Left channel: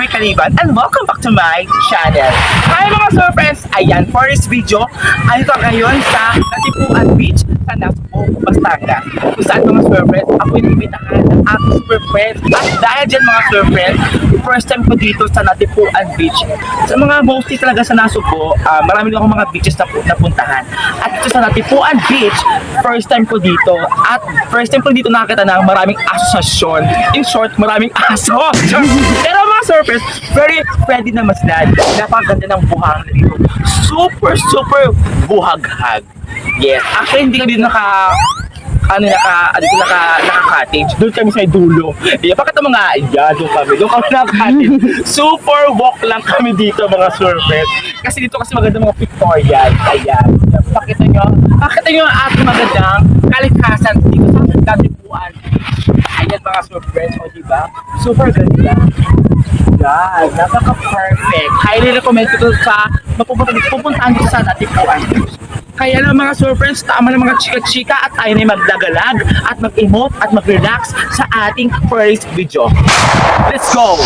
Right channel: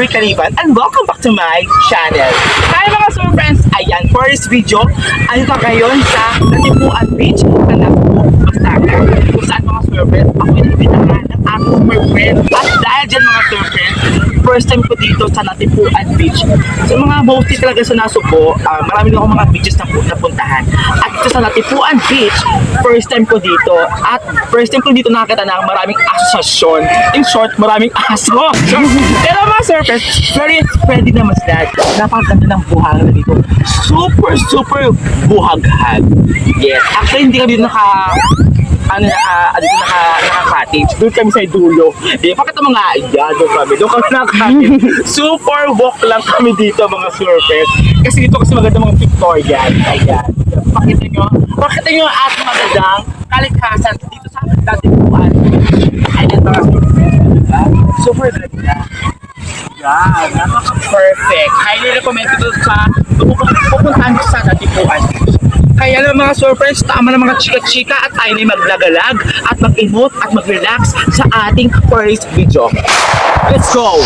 Louie Caliban and welcome back to my channel. Hi mga super friends! Ayan, for this video, ano ka ngayon sa Natipuan Beach sa Nasco, Pastaga. Kung saan mga super friends, ako yung ibitahan ng aking super friends. At dahil dyan mga super friends, first time ko dito sa Natipuan Beach. Sa mga mostly talaga sa Nasugbo, marami akong mga beaches na napuntahan. At dito sa Natipuan Beach, first time ko dito. At first time ko dito nakakita ng maraming asosasyon. In short, maraming aso. Pero mga surface, very ready na maslad. Napakaganda ng buhangin dito. Super buhaghag. Yes. Actually, hindi kami dito naka-cottage. Doon kami sa dulo. Eh, bakit ang mga doon kami naka-cottage. Super walk lang kami dito mga surface. Kasi dito kasi maganda mga Victorian. Ayan. Pakita nyo ang ating magandang kalikasan dito sa Natipuan. Ayan mga surface. Diba? Super ganda. Yan. Napaka-perfect. Highly recommend ko sa pupuntahan ko sa Natipuan. Kaya lang mga surfriends, tama ng mga chika-chika at tayo na maglagalag at mag-emote at mag-relax sa ating first video. Let's go!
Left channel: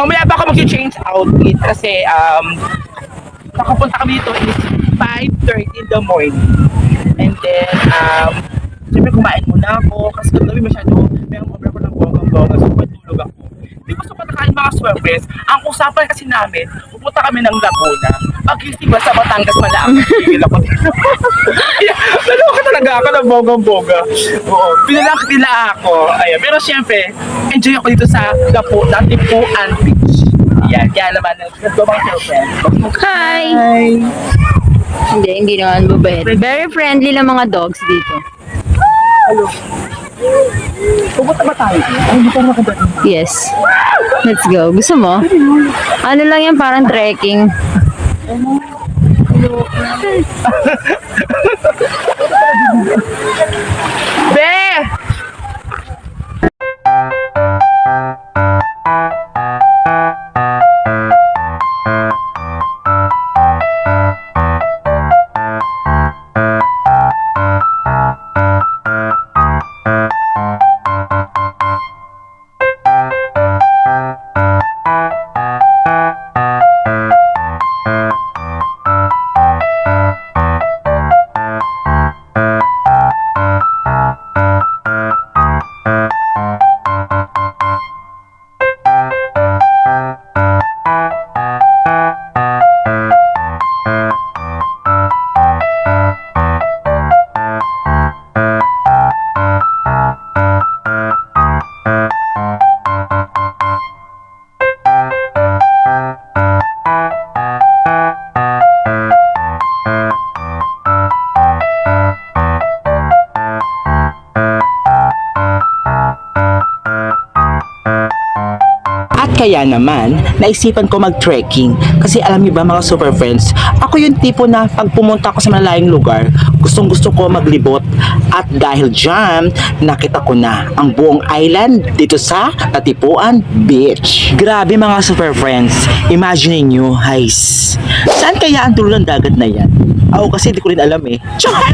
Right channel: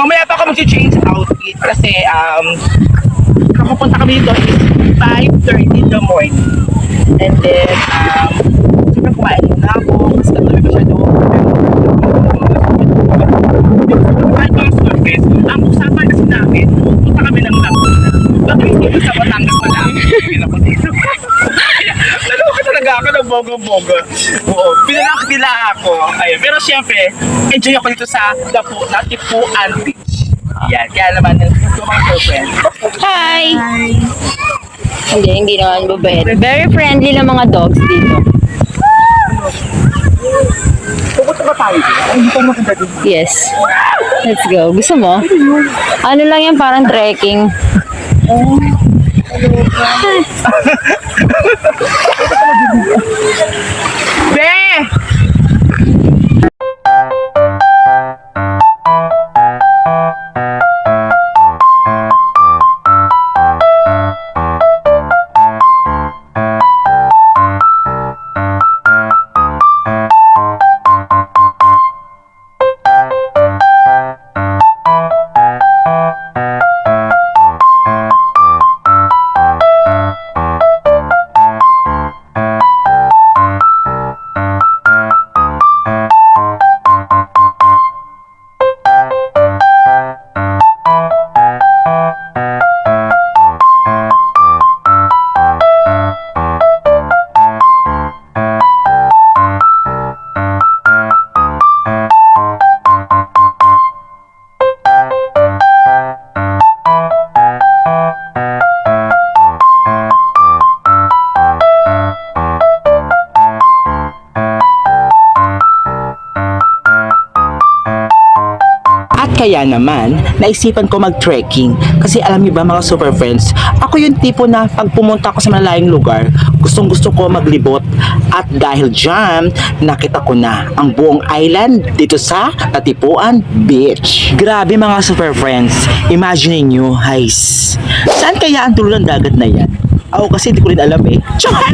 Mamaya pa ako mag-change outfit kasi nakapunta kami dito is 5:30 in the morning. And then, siyempre kumain muna ako kasi kami masyado hindi ko sabi kahit mga surface. Ang usapan kasi namin, punta kami ng Laguna. Pag-isipan sa Batangas na lang, pipil ako dito. Naloka talaga ako ng bogang-boga. Oo, pinalang nila ako. Ayan. Pero siyempre, enjoy ako dito sa Natipuan Beach. Yan, kaya naman, let's go mga surface. Hi! Hindi naman babae. Very friendly na mga dogs dito. Hello. Pupunta ba tayo? Ay, hindi pa maganda dito. Yes. Let's go. Gusto mo? Ano lang yan, parang trekking. Be! Kaya naman, naisipan ko mag-trekking. Kasi alam niyo ba mga super friends, ako yung tipo na pag pumunta ako sa malayong lugar, gustong gusto ko maglibot. At dahil dyan, nakita ko na ang buong island dito sa Natipuan Beach. Grabe mga super friends, imagine niyo, guys, saan kaya ang dulo ng dagat na yan? Ako kasi hindi ko rin alam eh. Char!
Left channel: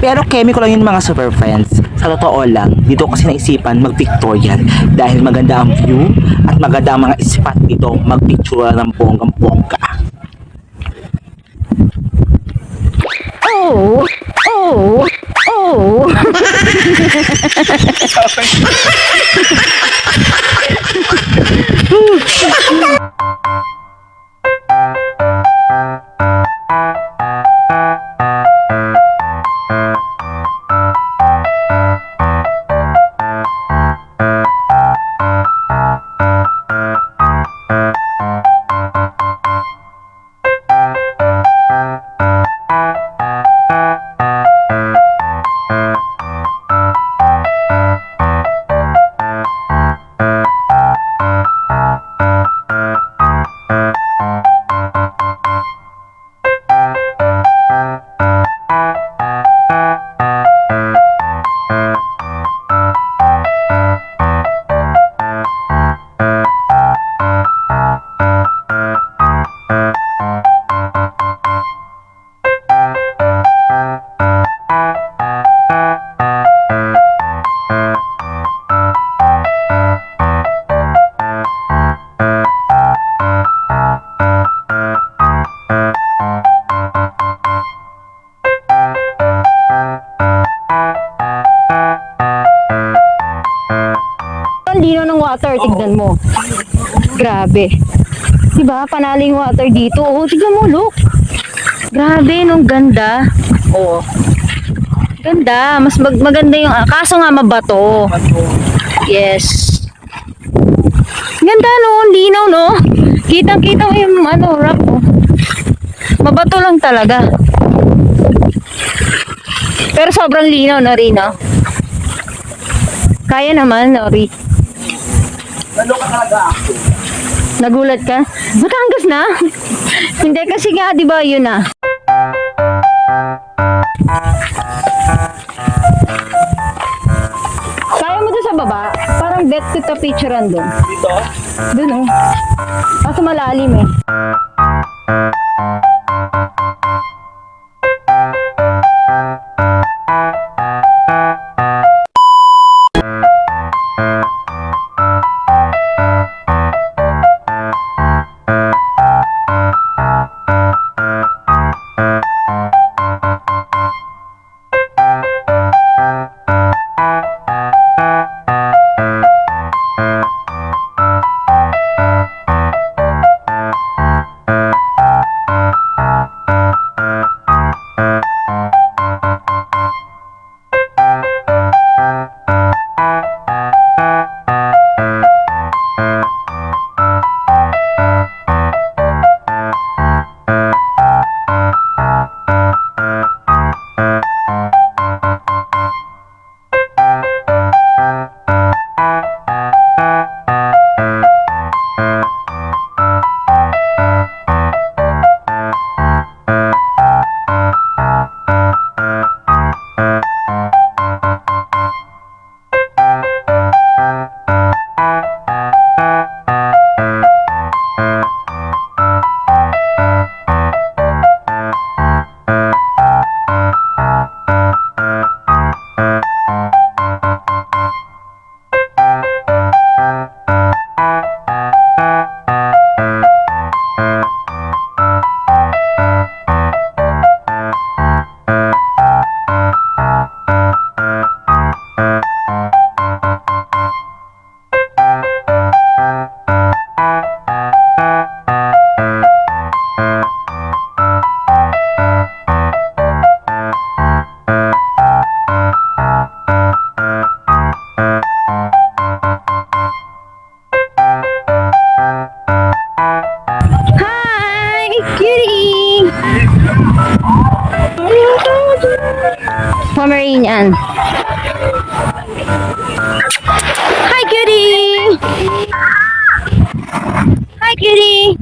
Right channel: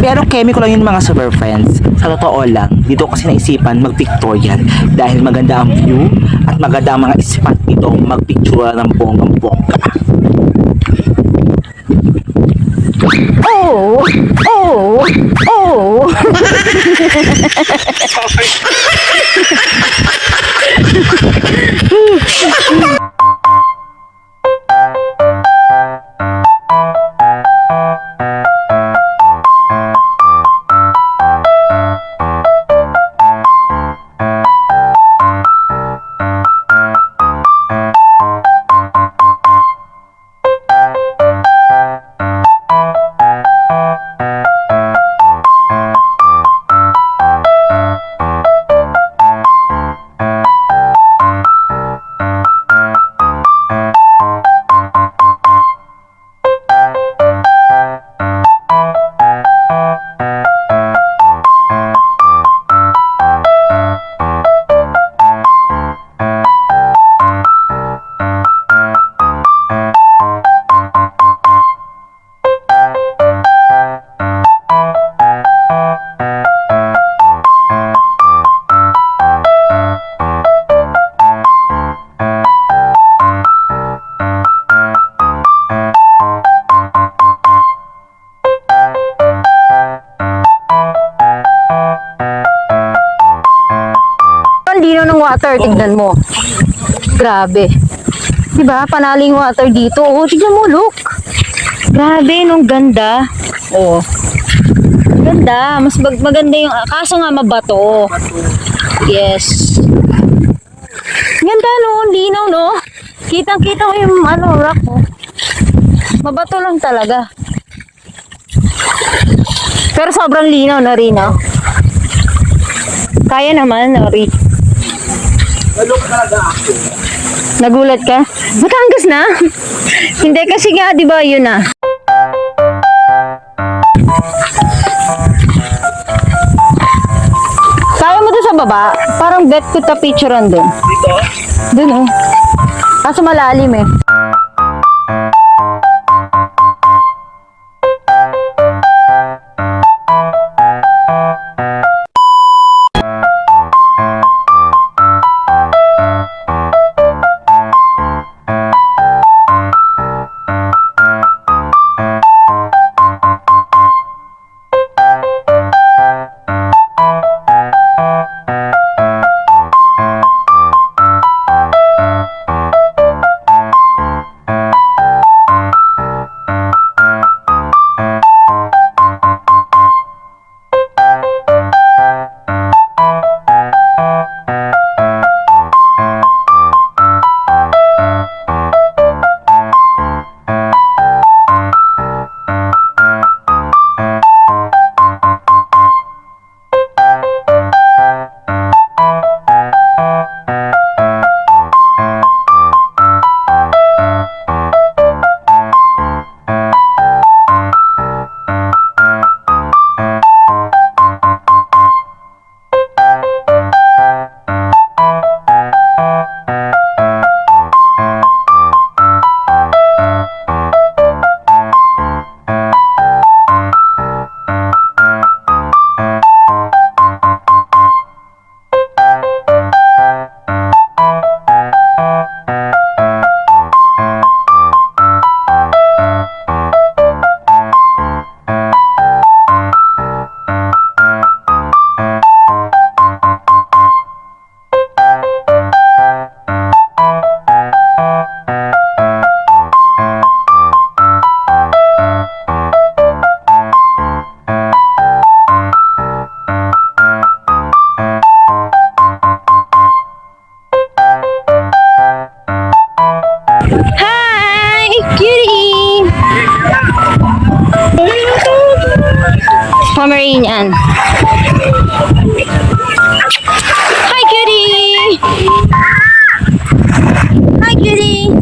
Pero chemical lang yun mga super friends. Sa totoo lang, dito kasi naisipan mag-Victorian dahil maganda ang view at maganda ang mga spot dito mag-picture ng bonggang-bongga. Oh! Oh! Oh! Ang lino ng water, tignan mo. Grabe. Diba? Panaling water dito. Oh, tignan mo, look. Grabe, nung ganda. Oh. Ganda. Mas maganda yung, kaso nga mabato. Yes. Ganda no, linaw no. Kitang-kita ko yung rock oh. Mabato lang talaga. Pero sobrang linaw na rin no. Kaya naman, Nori. Nagulat ka? Batangas na? Hindi kasi nga, di ba yun na? Kaya mo doon sa baba? Parang bet kita picturean din. Dito? Doon oh. Kaso malalim eh. Pomeranian. Hi, cutie. Hi, cutie.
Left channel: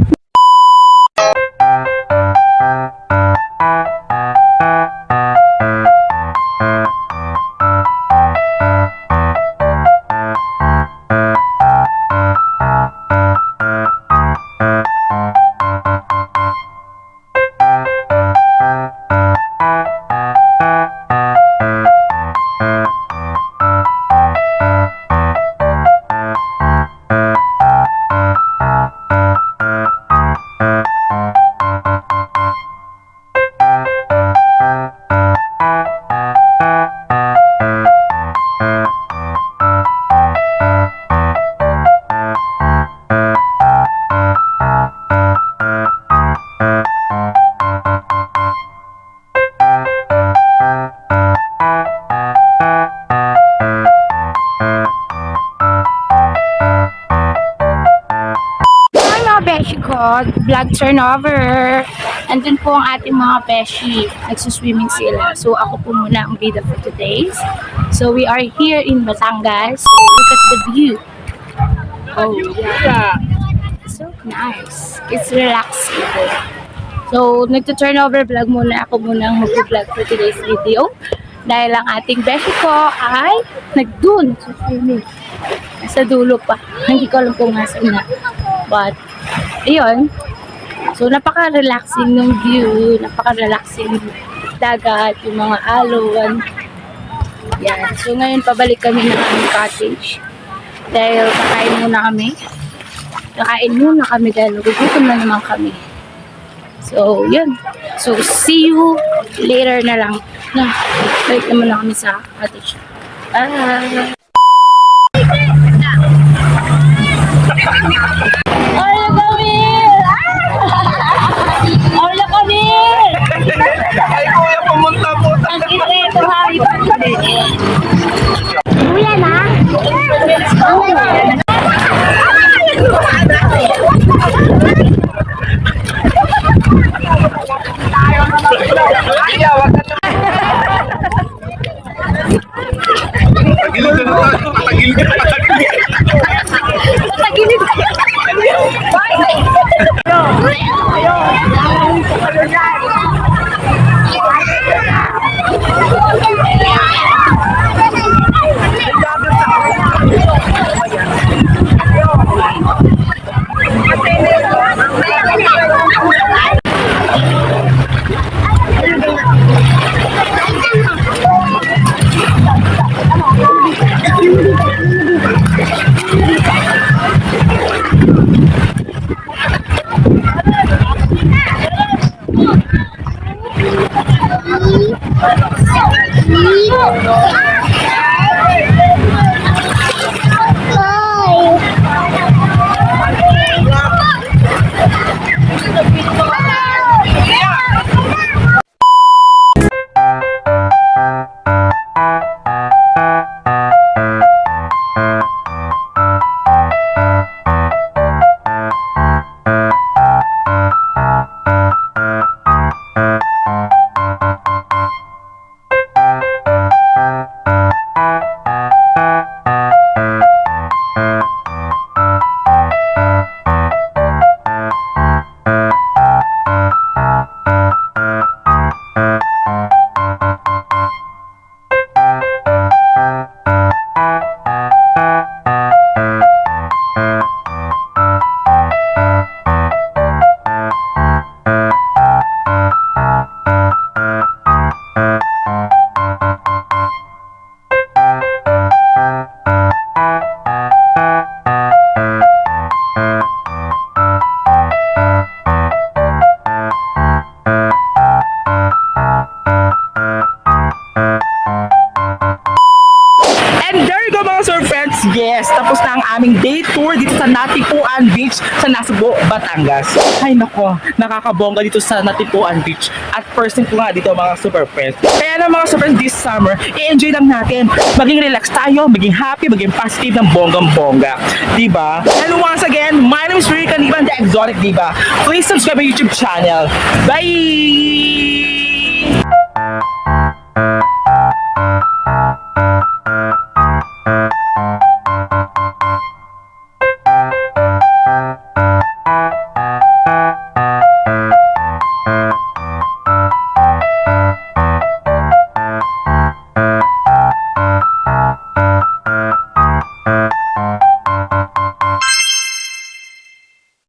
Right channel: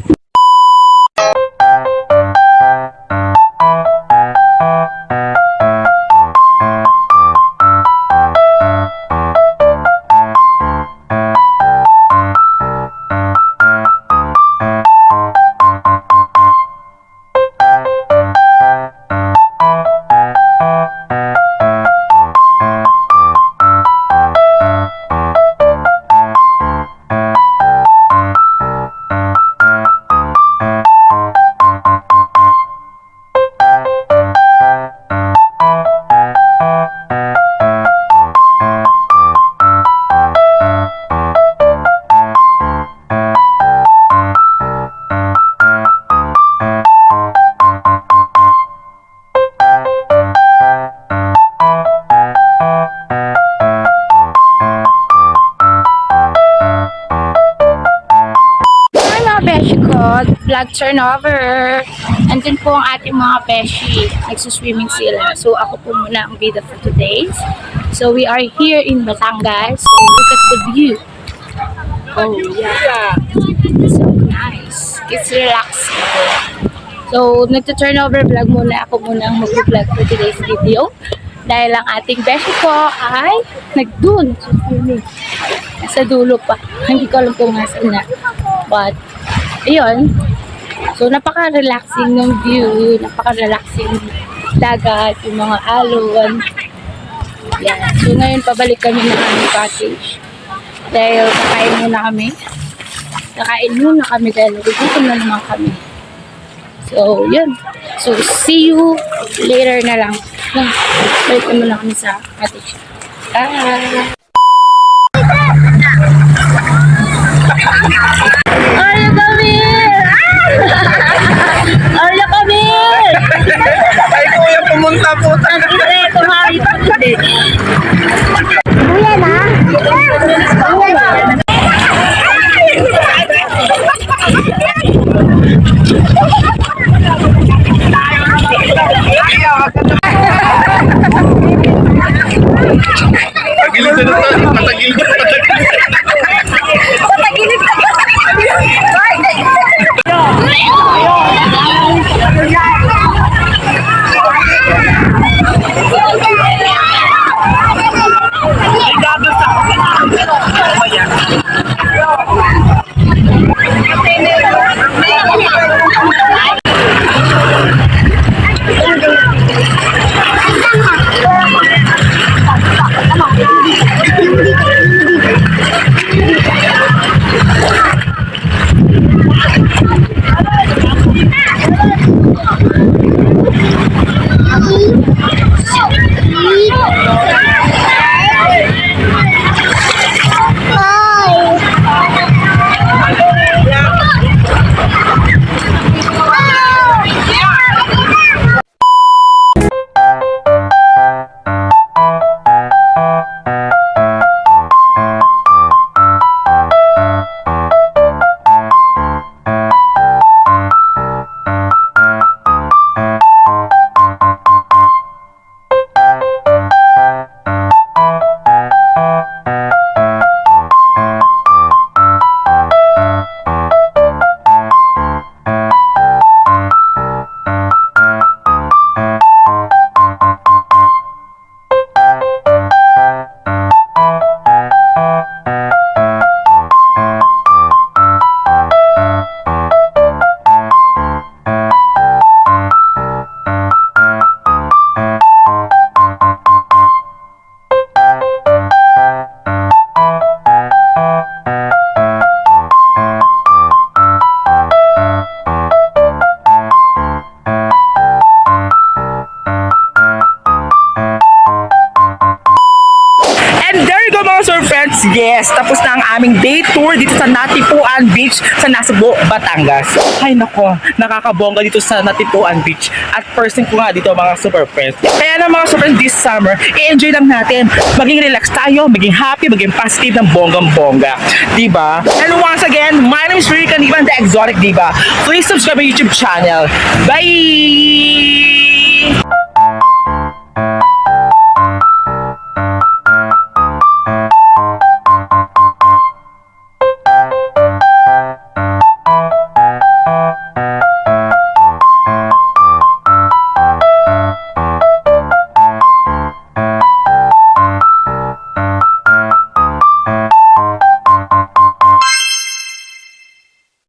vlog turnover. Andun po ang ating mga beshi. Nagsuswimming sila. So ako po muna ang bida for today. So we are here in Batangas. So look at the view. Oh yeah. It's so nice. It's relaxing. So nagto-turnover vlog muna. Ako muna ang mag-vlog for today's video. Dahil ang ating beshi ko ay nagdun sa swimming. Nasa dulo pa. Hindi ko alam kung nasan na. But, ayun. So, napaka-relaxing ng view. Napaka-relaxing dagat. Yung mga alon. Yan. So, ngayon pabalik kami ng aming cottage. Dahil kakain muna kami. Kakain muna kami dahil nagugutom na naman kami. So, yun. So, see you later na lang. Balik naman na kami sa cottage. Arya Camille! Arya Camille! Ay, kuya, pumunta po. Ang ire, kumari pa today. Patagilid na naman. Patagilid na Patagilid ka! And there you go mga sir friends. Yes, tapos na ang aming day tour dito sa Natipuan Beach sa Nasugbo, Batangas. Ay nako, nakakabongga dito sa Natipuan Beach. At first thing ko nga dito mga super friends. Kaya na mga super friends this summer, i-enjoy lang natin. Maging relax tayo, maging happy, maging positive ng bonggang-bongga. Diba? And once again, my name is Ricky Caniban, the Exotic Diva. Please subscribe my YouTube channel. Bye!